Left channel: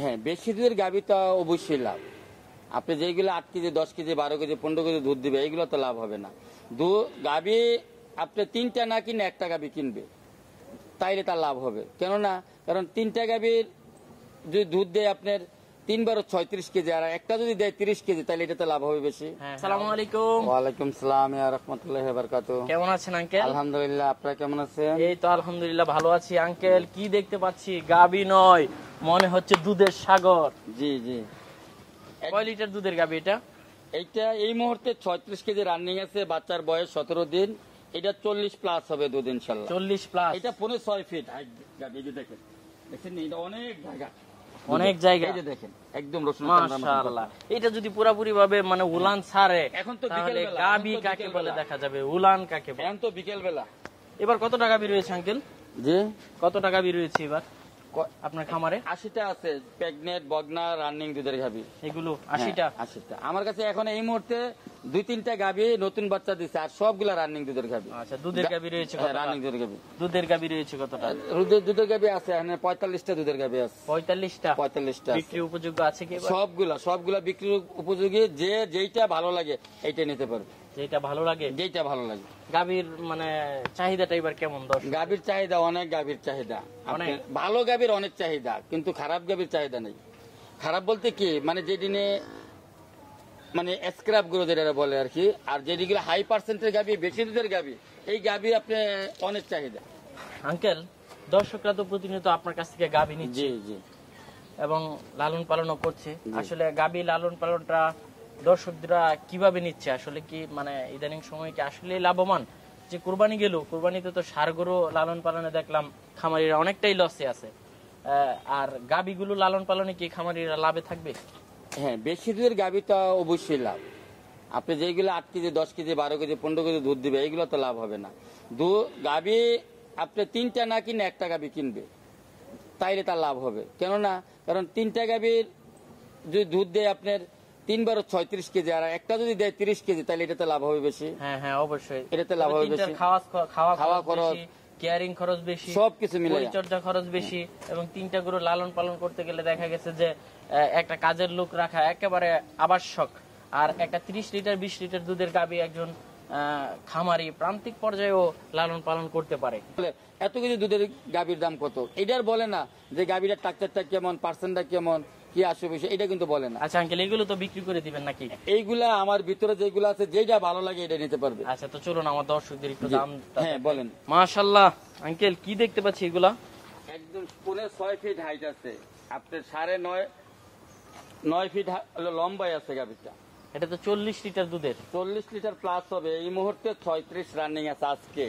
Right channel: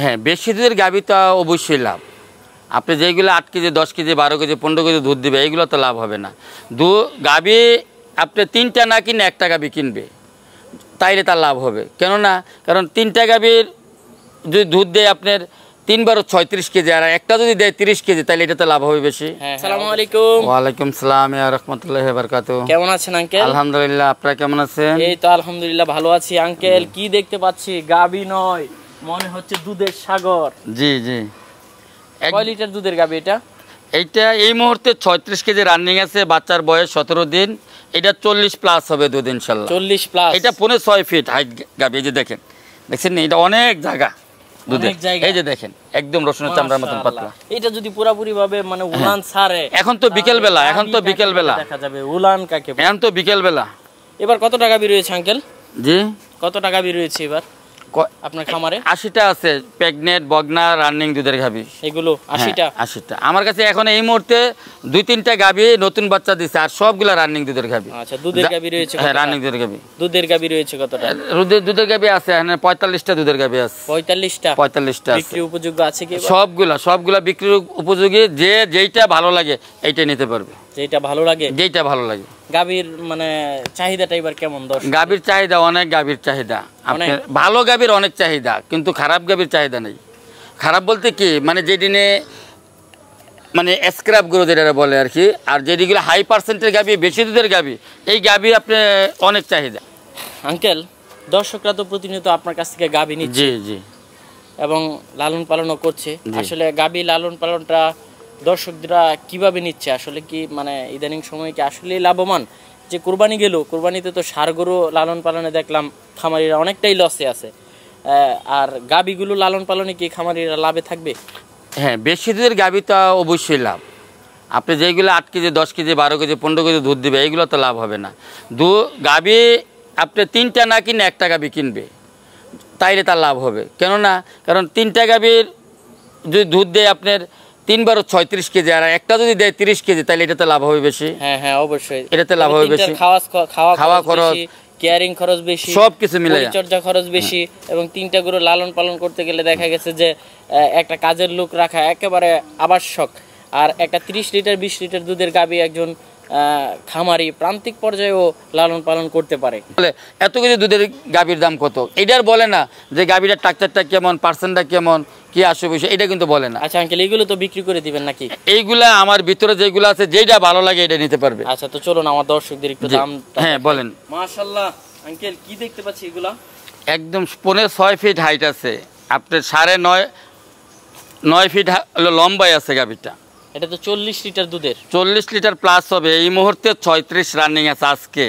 হ্যাঁ, বেশি দুধের গাভী তো অবশ্যই লাভ। আপনি যেইগুলো 8 কেজি 10 কেজি 12 কেজি 15 কেজি দুধ দিবে এইগুলো তো লাভ হবে না। গাভী আপনি 3টা না কিনে 1টা গাভী কিনবে, তাইলে তার লাভ হবে। কেননা কারণ 3টা গাভীর যদি দুধ দেয় আপনার 3 × 36 কেজি, আর একটা যদি দেয় 30 কেজি, তাহলে এটাতে লাভ হবে বেশি। আসসালামু আলাইকুম। ওয়ালাইকুম সালাম ইয়া রাহমাতুল্লাহি ওয়া বারাকাতুহু। কেমন আছেন আঙ্কেল? আলহামদুলিল্লাহ, আপনারা কেমন আছেন? এই তো আলহামদুলিল্লাহ ভালো আছি আঙ্কেল। কি দেখতে পাচ্ছি? গাভী নয়, মনে হচ্ছে দুধের সাগর। জি জি। কয় লিটার দুধের গাভী এটা? এইটা এই মুহূর্তে 36 কেজি রানিং আছে, বাচ্চার বয়স 17 দিন। এটা 40 প্লাস হবে দুধ ইনশাআল্লাহ। 40 প্লাস। এটা 6.5 ফিট হাইট গাভী। এই যে দেখেন, দেখছেন এটা অনেক জায়গা দুধের। এই যে দেখেন একদম রসুনের চামড়ার মতন পাতলা। এটা যদি পুরোপুরি ভাবে মানে উলান ছাড়ে, এখন তো বিকেল বেলা, এখন তো বিকেল বেলা দেখা যাবে উলান কাকে। এখন তো বিকেল বেলা। এবার কত টাকা বের হয়েছে আঙ্কেল? জি, কত টাকা বের হয়েছে এবার আপনার খামারে? 80টা আছে প্রেগনেন্ট বগনা রানিং দুধের গাভী। এগুলো 80টা? 80টা আমার কাছে এখন এই মুহূর্তে 2-3টা গাভী নতুন বাচ্চা দিছে, আর সবগুলা রানিং দুধের গাভী। আচ্ছা, দুধের গাভী রয়েছে? হ্যাঁ, রানিং দুধের গাভী। দুধের গাভী রয়েছে কতটা? দুধের গাভী আছে এখানে 45টা দুধের গাভী আছে। 45টা বিক্রির উপযোগ্য আছে কি? সবগুলা বিক্রির উপযোগী। যেইটা ভালো লাগে এইটা নিতে পারবে। যেটা ভালো লাগে। গাভীর মানে চাহিদাটা এবার কেমন? গাভীর চাহিদা অনেক, গাভীর চাহিদা আপনার ভালো গাভীর অনেক চাহিদা, কিন্তু খারাপ গাভীর চাহিদা নেই। খারাপ বলতে কি, মানে যেদিনে মানে স্ক্র্যাপ গুলো যেটা বলে আর কি, আর যেদিগুলো হাই পার্সেন্টের গাভী, বেশি দুধের গাভী, এই গাভী আপনি অনেক চাহিদা। আঙ্কেল, দর্শকরা তো প্রতিনিয়ত আপনার কাছ থেকে গাভী নিচ্ছে। জি জি। এবং লালন পালনও করছে। আসলে গাভী লালন পালনটা দর্শকরা কিভাবে নিচ্ছে? আসলে কি মানে ইদানিং সময় কি আসলে লাভবান? যে কুরবানি গেল, কুরবানিতে তো ষাঁড় গরু লালন পালনে দেখলাম খামারিরা অনেকটাই লসে আছে, আর গাভীগুলো লালন পালনে কি খামারিরা লাভে থাকবে? হ্যাঁ, বেশি দুধের গাভী তো অবশ্যই লাভ। আপনি যেইগুলো 8 কেজি 10 কেজি 12 কেজি 15 কেজি দুধ দিবে এইগুলো তো লাভ হবে না। গাভী আপনি 3টা না কিনে 1টা গাভী কিনবে, তাইলে তার লাভ হবে। কেননা কারণ 3টা গাভীর যদি দুধ দেয় আপনার 3 × 36 কেজি, আর একটা যদি দেয় 30 কেজি, তাহলে এটাতে লাভ হবে বেশি। হ্যাঁ হ্যাঁ, অবশ্যই এটাতে লাভ হবে বেশি। খাওয়া খরচ, কেয়ারিং খরচ বেশি, সবকিছু মিলে পরিচর্যা খরচ বেশি। এবং 3টা গরু লালন পালন করতে গেলে দেখা গেছে যে একটা কাজের লোক রাখা একেবারে আবশ্যক। আর একটা 30 লিটার 20 লিটার দুধের গাভী একজন খামারি প্রান্তিক পর্যায়েও লালন পালন করতে পারে। এত কিছু দুধের গাভীর দাম কত এটার বলে না, যে গাভীটার টাকচারটা কেমন, পার্সেন্টটা কেমন, কি আসে বিষয়, এটা কিন্তু বলে না। আচ্ছা আঙ্কেল, এইগুলো তো বিক্রি করে দিবেন নাকি? এইগুলা আমার ভিতরে যেগুলো আছে, যেটা ভালো লাগে এটা নিতে পারবে। আচ্ছা, তো চলুন আমার দর্শকদের একটু দাম। হ্যাঁ বলেন। মাশাআল্লাহ আঙ্কেল, কি দেখতে পাচ্ছি এগুলা? একদম 6.5 ফিট হাইট আছে, আপনার 9.5 ফিট লম্বাই আছে গাভীটা। এটা তো 40 লিটার দুধের। 40 লিটার প্লাস হবে। এই মুহূর্তে 36 রানিং আছে আজকে।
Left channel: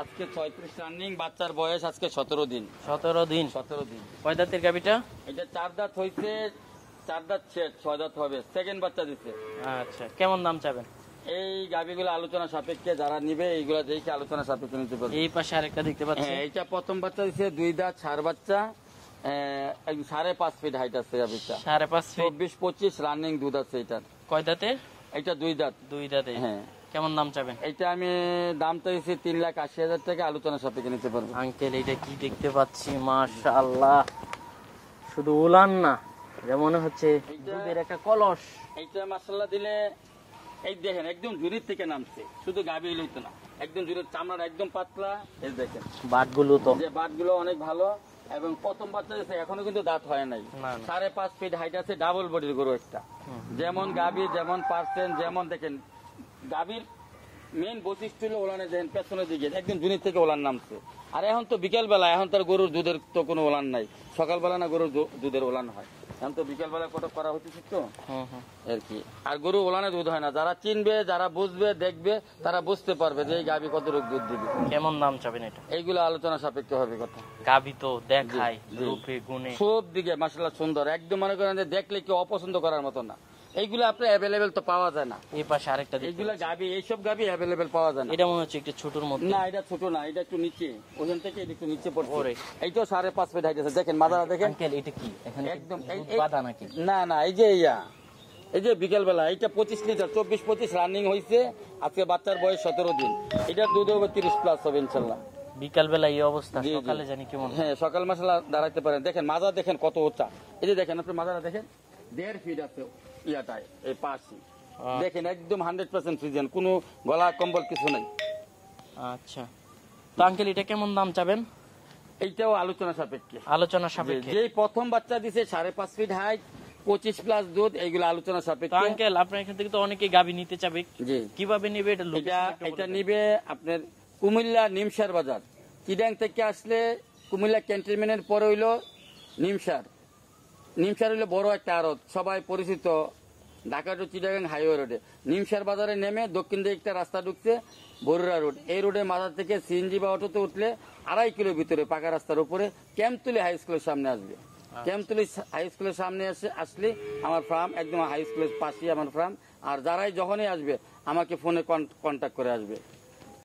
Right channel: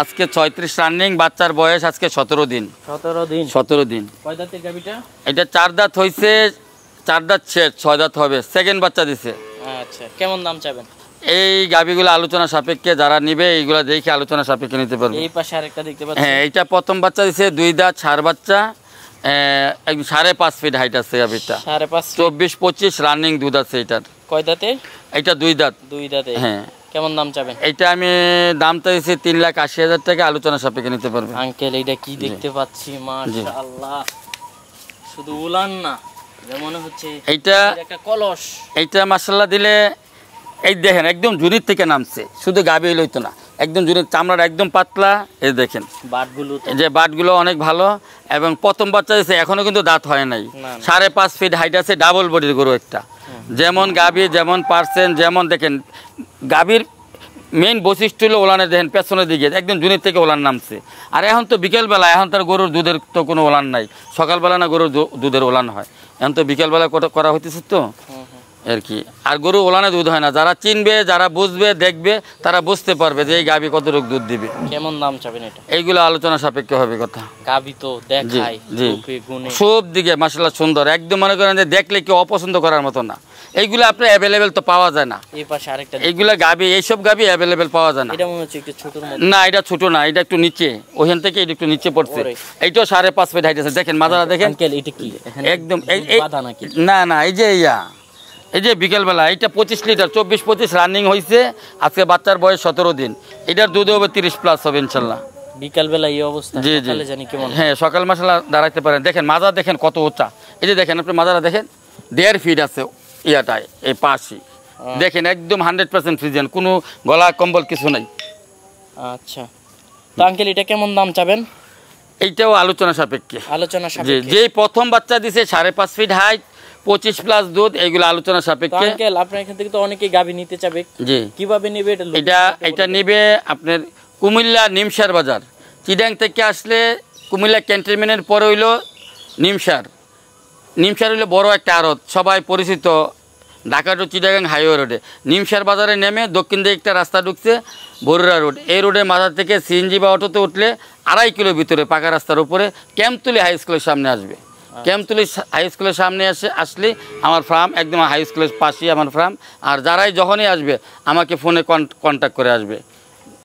আজকে 36 রানিং। বাচ্চার বয়স আজকে 17 দিন। 17 দিন। কয় দাঁতের গাভীটা? এটা 4 দাঁত হইছে, 4 দাঁত শেষ, 6 দাঁত হবে, সেকেন্ড বাচ্চা দিছে। আচ্ছা, কেমন দাম চাবেন? এই গাভীগুলো আলোচনা সাপেক্ষে, যারা নিবে এইগুলো দেখে আলোচনা সাপেক্ষে নিতে পারবে। এই পাশে আরেকটা দেখতে পাচ্ছি। হ্যাঁ, এইটা প্রথম বাচ্চা দিছে, 2 দাঁত ষাঁড় বাচ্চা, 5.5 ফিট হাইট আছে গাভীটা। 5.5 24-25 রানিং দুধ আছে এটার। কয় দাঁতে? এটা 2 দাঁত। 2 দাঁতে। হ্যাঁ। কেমন দাম চাবেন? এটা আমি দামটা দিয়েছি 3,80,000 টাকা, আলোচনা সাপেক্ষে নিতে পারবে। আঙ্কেল, এটা কি দেখতে পাচ্ছি? মাশাআল্লাহ, শুধু উলান না, মনে হচ্ছে এইটা একটা কলস। এইটা মাশাআল্লাহ দিলে, এই দেখেন একদম জুরির থেকে নামছে, শুধু গাভী হইতো না, একদম জুরির চামড়াটা একদম পাতলা। এই দেখেন বাটগুলো অনেক ভালো, এবং প্রথম বাচ্চা দিয়েছে, এখনো কিন্তু দাঁত হয় নাই। 5.5 ফিট হাইট আছে, ডাবল বডির গরু একটা। যেমন গাভী, যেমন পার্সেন্ট, যেমন দেখেন গাভীর মেইন বৈশিষ্ট্য হলো ওলানের, দেখেন পেছনের দিকে একদম জুনির থেকে ওলান নামছে। আর এখন তো বিকেলবেলা, এখন তার গরুর দুধের তো কোনো ওলান নাই। সকালবেলা না গরুর দুধের ওলান হয়, এখন তো বিকেলবেলা করা হইতেছে তো আর কি। আর গরু ওলানে দুধ হয় না। যারা চিনবে, যারা বুঝবে, দেখবে, তারা বুঝতে পারবে যে এই গাভী কতটুকু দুধ দিবে। কেমন দাম চাবেন এটা? এইগুলো আলোচনা সাপেক্ষে হবে কথা। গাভী তো দেখাই সব দিকে মাশাআল্লাহ সুন্দর, একদম মনে করেন যে দেখলে কেউ অপছন্দ করার মতো না। এইগুলো আপনার অ্যাভেলেবেল তো পাওয়া যায় না। এই পাশে আরেকটা, এইগুলা গাভী, এইসব গাভী অ্যাভেলেবেল পাওয়া যায় না। এটা মনে হচ্ছে একটু ছোটর মধ্যে। না, এটা ছোট না, এটা একটু নিচে, ওখান থেকে এটা একটু নিচে পড়ছে। এইটাও 5.5 ফিট হাইট আছে। দেখেন মাথাটা দেখেন। আঙ্কেল, এটা কি একদম বাধা নাকি? না, এই যে বিকেলবেলা এটা 25 লিটার 24-25 রানিং হয়েছে। আজকে বাচ্চার বয়স 17 দিন। এটার দুধ হবে 30 প্লাস হবে ইনশাল্লাহ। বিকালবেলা এই অবস্থা, জি জি সকালে জানি কেমন। হ্যাঁ, সকাল মাসালা দাঁড়াইতে পারেন। দেখেন মাজা দেখেন কত উঁচা, এই যে দেখেন আপনি মাজারা দেখেন 1.5 ফিট আছে ইয়াটায়, এই পাশি দেখেন একদম 100% ফ্রিজেন, কোনো গলা কম্বল কিছু নাই। আচ্ছা, তো আঙ্কেল এটা কেমন দাম চাবেন? এইটাও আলোচনা সাপেক্ষে। আলোচনা যে সাপেক্ষে। যে প্রথম বাচ্চা দিছে 5.5 ফিট হাইট 25 প্লাস দুধ, এইগুলো আলোচনা তো সাপেক্ষে। আঙ্কেল আপনার এখান থেকে তো অনেকেই গাবি নিতে চাবে, জি, কিভাবে নেবে এটা? এটা নেবে আপনার কুমিল্লা নিমসার বাজার। চিডাং থেকে আসলে কুমিল্লা ক্যান্টনমেন্টের পরে হইলো নিমসার। নিমসার হইলো বড় একটা আড়ত, সবাই পরিচিত, ঢাকা টু চিটাগাং হাইওয়ে রোডে। নিমসার বাজারে নেমে দক্ষিণ দিকে একটা রাস্তা ঢুকছে বরুড়া রোড, এই রোডের মাথা থেকে সিএনজি বা অটোতে উঠলে 2.5 কিলো ভিতরে পাকা রাস্তার উপরে ক্যাম্পতুলি হাই স্কুলের সামনে আসবে। ক্যাম্পতুলি হাই স্কুলের সামনে আসলে আমার ফার্ম, একদম হাই স্কুলের পাশেই আমার ফার্ম। আর যারাই যখনই আসবে আমাকে ফোনে কন্ট্যাক্ট করে আসবে।